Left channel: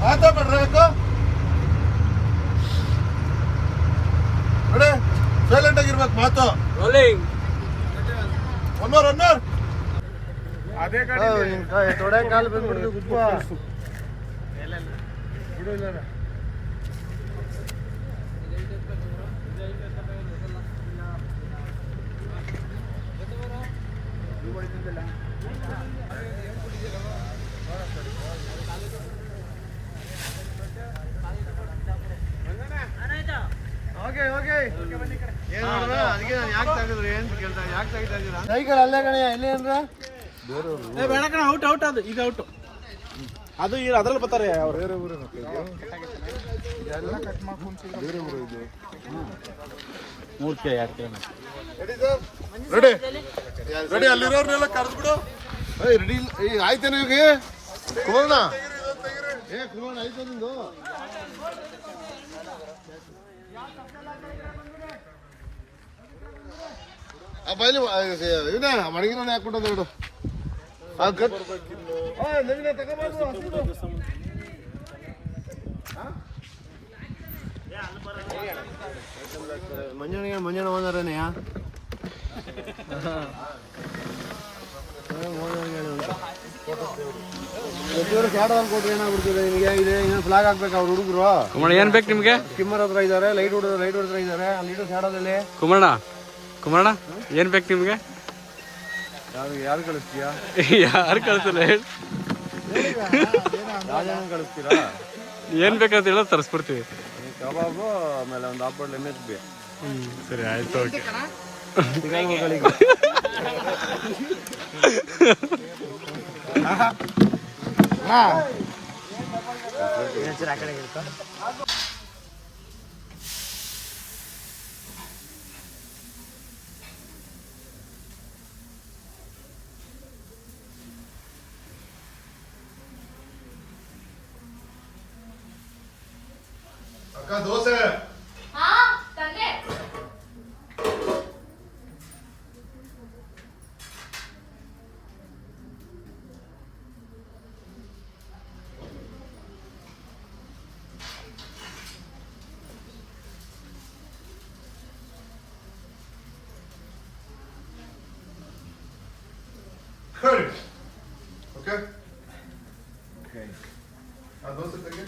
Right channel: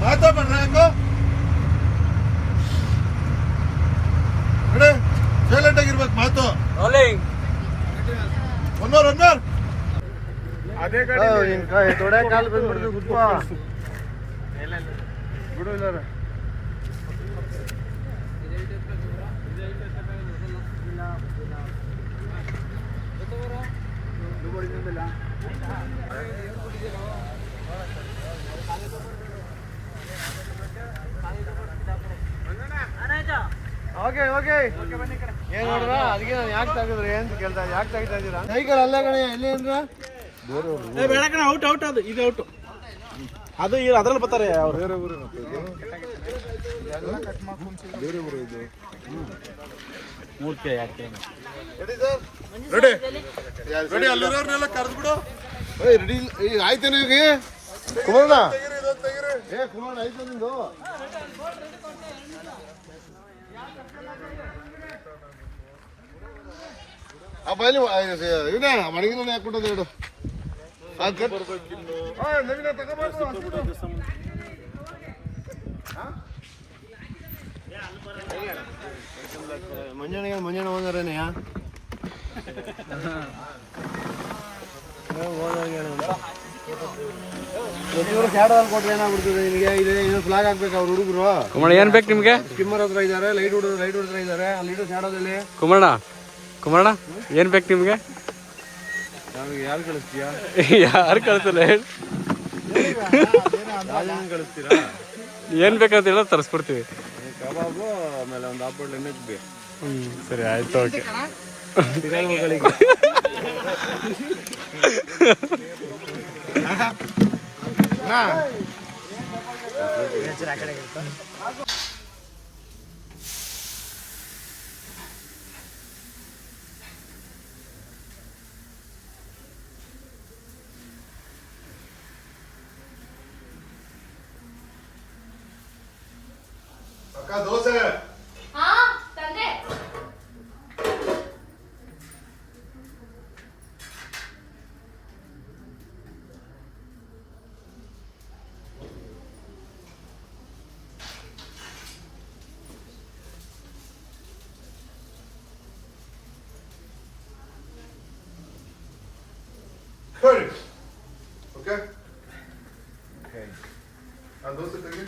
ಮಾತಾಡ್ರಿ ಸೈಲೆಂಟ್ ಆಗಿರ್ಬೇಕು ಮಾತು. ಒನ್ನೋರ್ ಅದೇ ಗಾಡಿ ಅದಕ್ಕೆ ನಾನು ಯಾಕೆ ತೆಗೆದ್ರಿ ಅಂತ ಕೇಳ್ತಾ ಯಾಕೆ ತೆಗಿತಾ ಇದ್ದೀರಾ? ಸೈಕಲ್ ಅಲ್ಲೇ ಕಣೆ ಎಲ್ಲಿ ಅಂದ್ರ ಬೇಡ ಕಣ. ಔಟ್ ಅದು ಈಗ ಔಟ್ ಅದು ಈಗ ಅದ್ರಲ್ಲಿ ಬರ್ತಾರೆ ಬೇರೆ ಊರು ಇದು ರೆಡಿ ರೆಡಿ ಅಲ್ಲಿರೋರ್ನೆಲ್ಲ ಕರೆದ್ಬಿಡು. ರೆಡಿ ಈಗ ಆಯ್ತೇನೆ ಈಗ ಕೂನ ಆಯ್ತು ನಿಂದು. ಬೈಲಿ ಇವನ ಮಡಗಿನ ಹಾಕ್ಬಿಟ್ಟದ ನೋಡು. ಮಂಜಣ್ಣ ಓನರನೆಯಾ ಕೊಟ್ರೆ ಏನಾಗ್ಬಿಡ್ತಿದೆ ನಿನಗೆ? ಇದೆ ಫ್ಲಾಗ್ ಹಾಕ್ಬೇಕು ಅವ್ರ ಹುಡುಗರು. ಕುಮಾರ ಏನ್ ಬೇಕು ನಿಮ್ಗೆ? ಸ್ಕಿಮ್ಮರ್ ಹತ್ರ ಇದಾರೆ, ಲೈಟ್ ಹೊಡೆದ್ರ ಇದಾರೆ. ಲೈಟ್ ಶಾಡೋದಲ್ಲಿ ಕುಮಾರಣ್ಣ ಏನ್ ಬೇಕು ನಿಮ್ಗೆ? ಯಾರು ಕಳಿಸ್ತೀಯಾ? ಯಾರು ಕಳಿಸಲ್ಲ ಹೇಳಿ. ಕಳಿಸ್ತೀರಾ? ಏನ್ ಬೇಕಂತ ಹೇಳ ತರಿಸ್ಬಿಡ್ತೀವಿ. ಕಬಾಬು ಆಮೇಲೆ ಒಂದು ಹಾಫ್ ಎಮ್.ಎಚ್ ಬಿ. ಸರಿ ಆಯ್ತು, ಓಕೆ. ದೋಸೆ ಓಕೆ. ಆ ದೋಸೆ ತೆಗಿ.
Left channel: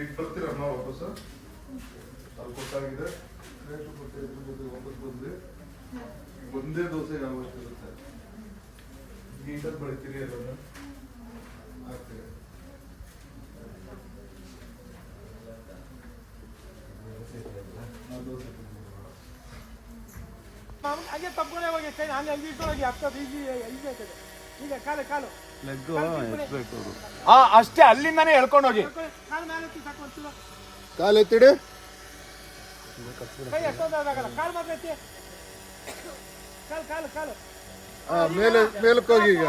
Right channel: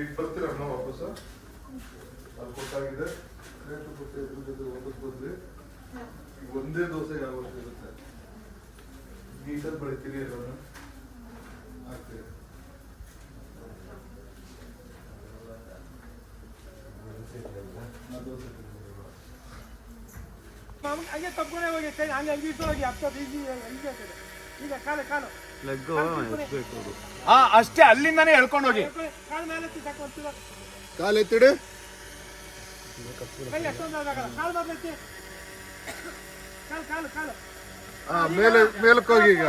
ಈಗ ಬರ್ತೀರ ನಾವು ವಾಪಸ್? ಅಲ್ಲಿ ಕೊಟ್ಟಾಗಿದೆ ವಾಪಸ್ ಬಂದ್ವಿ. ಈಗ ಒಂದೇ ದೋಸೆ ಯಾವತ್ತು ಇರುತ್ತೆ ನೀಟಾಗಿ ಬೆಳಿತೀರಿ ಎಲ್ಲರೂ ಆಗ್ತೀರಿ. ಹಂಗೆ ತಪ್ಪನೇ ಹೋಗಿ ಹಂಗೆ ಹೋಗಿ ಹತ್ತೋದು ಈಗ ಕಾಲು ಅಷ್ಟೇ. ಅಲ್ಲಿಂದಾನೆ ಎಳ್ಕೊಂಡು ಹೋಗಿ ಕಾಲು ಮೇಲೆ ತಕೊಂತೀರ. ಕಾಲು ಎತ್ತಿಡಿ. ಕಾಲು ಬರ್ತೈತಿ. ಕಾಲು ಮೇಲಕ್ಕೆ ಹೋಗಿ ಈಗ.